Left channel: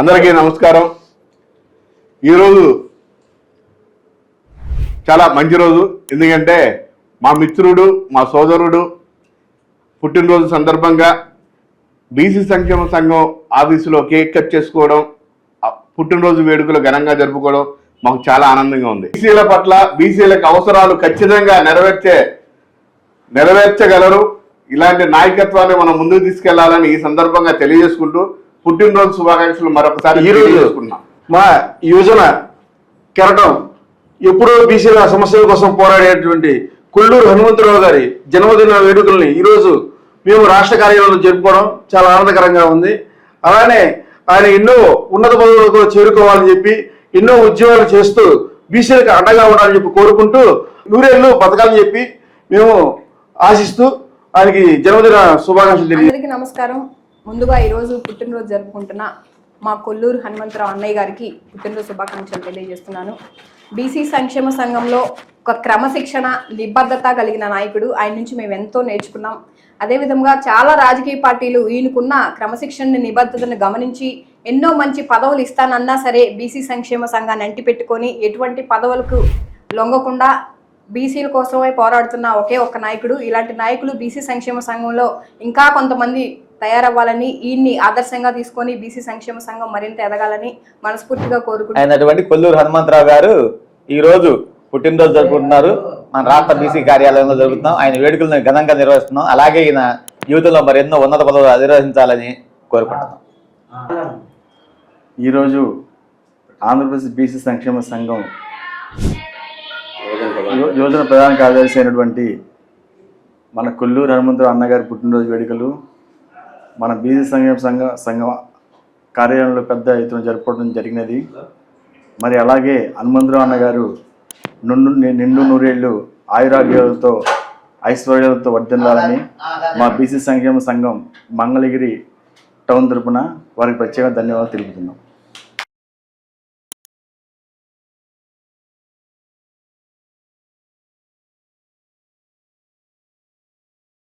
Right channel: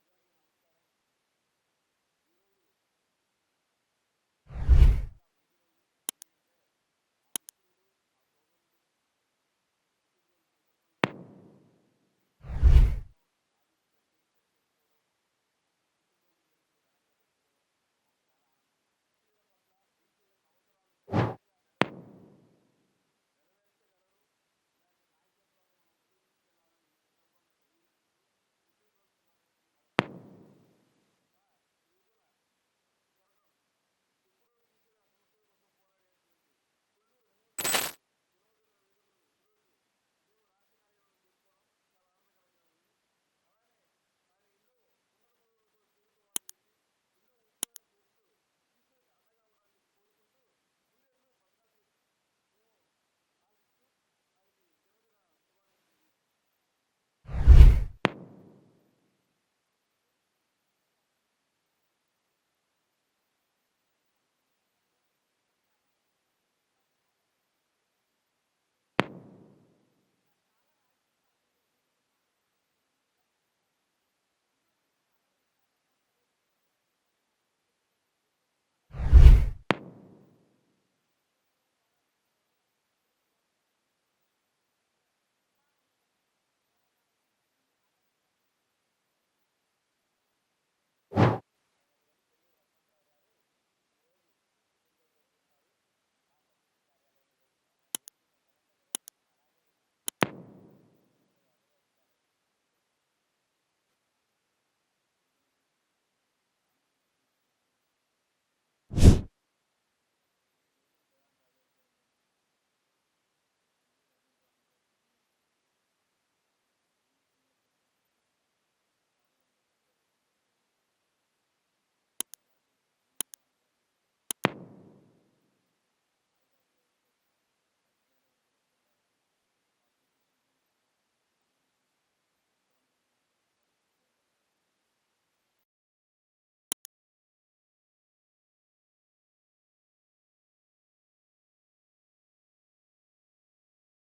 అందరికీ నమస్కారం. ఈరోజు చాలా మంచి రోజు. ఎందుకంటే మా మిత్రుడు మా సోదరుడు పుట్టినరోజు సందర్భంగా బీసీ సంక్షేమ సంఘం ఆఫీసులో కేక్ కట్ చేసుకోవడం పుట్టినరోజు వేడుకలు ఘనంగా జరుపుకోవడం మాకు చాలా ఆనందంగా ఉంది. బీసీల పట్ల బీసీలకు అవసరాలు ఖచ్చితంగా నెరవేర్చే నెరవేర్చగలరు. ఇలాంటి నాయకత్వాన్ని మనం ముందుకు తీసుకెళ్ళాలని ఈ సందర్భంగా తెలియజేసుకుంటూ పుట్టినరోజు శుభాకాంక్షలు మరొకసారి ఈ రోజు తెలియజేసుకుంటున్నాం. మా యువజన కెరటం ఎప్పుడో బీసీల సమస్యల కోసం పోరాడేటువంటి కొల్లూరు హనుమంతరావు గారి జన్మదిన వేడుకల్ని ఈరోజు మేము రాష్ట్ర కార్యాలయంలో జరుపుకోవడం చాలా ఆనందకరంగా ఉంది. అలానే ఆయన ఎన్నో ఉన్నత పదవులకు చేరుకోవాలని చెప్పి ఎన్నో ఉద్యోగాలు చేస్తూ బీసీలకు అండగా ఉండాలని చెప్పి కోరుకుంటూ నూరేళ్ళు బతకాలని చెప్పి మేము ఆశిస్తూ ఆయనకి జన్మదిన శుభాకాంక్షలు తెలియ అందరికీ నమస్కారం. ముందుగా ఈరోజు పుట్టినరోజు జరుపుకుంటున్న మా కొల్లూరు హనుమంతరావు అన్నయ్య గారికి పుట్టినరోజు శుభాకాంక్షలు తెలియజేస్తున్నాను. బీసీ సంక్షేమ సంఘంలో ఒక క్రమశిక్షణ నిబద్ధత కలిగిన నాయకుడు. ఆయన నుంచి మేము ఎంతో నేర్చుకున్నాం. అదేవిధంగా చాలా రాజకీయ పార్టీలు ఈయనకున్న క్రమశిక్షణ నిబద్ధతను గమనించి ఎన్నో మంచి పదవులు ఇస్తానన్నా సరే బీసీ సంక్షేమ సంఘాన్ని అంటిపెట్టుకొని ఎటువంటి పదవులకు లొంగకుండా బీసీల కోసమే పోరాడుతున్న ఒకే ఒక్క నాయకుడు. ఇలాంటి నాయకులు బీసీ సంక్షేమ సంఘంలో ఇంకా కొంతమంది తయారవ్వాలని ఈయన్ని ఆదర్శంగా తీసుకొని బీసీ సంక్షేమ సంఘం మరింత ఎదగాలని మనస్ఫూర్తిగా అయినటువంటి కొల్లూరు హనుమంతరావు గారు ఈ రోజు పుట్టినరోజు జరుపుకుంటున్నారు. మన రాష్ట్ర బీసీ కార్యాలయంలో జరుపుతున్నాం. ఆయన వేడుకలను ఘనంగా నిర్వహిస్తున్నాం. అలాగే ఈయన జీవితంలో మరి ఎన్నో ఉన్నత పదవులు అధిరోహించాలని కోరుకుంటున్నాం. ఈరోజు ఆంధ్రప్రదేశ్ బీసీ సంక్షేమ సంఘం యోజన ప్రధాన కార్యదర్శి అయినటువంటి మన కొల్లూరు హనుమంతరావు అన్నగారి పుట్టినరోజు వేడుకలు మన బీసీ సంక్షేమ సంఘ సంఘం కార్యాలయంలో పెద్ద ఎత్తున జరుపుకోవడం జరిగినది. మరి అలాగే హనుమంతరావు అన్నగారు నుండు నిండు నూరేళ్ళు ఆయురాగ్యాలతో ఐశ్వర్యాలతో వర్ధిల్లాలని మా బీసీ సంక్షేమ సంఘం మంగళగిరి టౌన్ తరపున వారికి ప్రత్యేక ధన్యవాదాలు తెలుపుతున్నాం.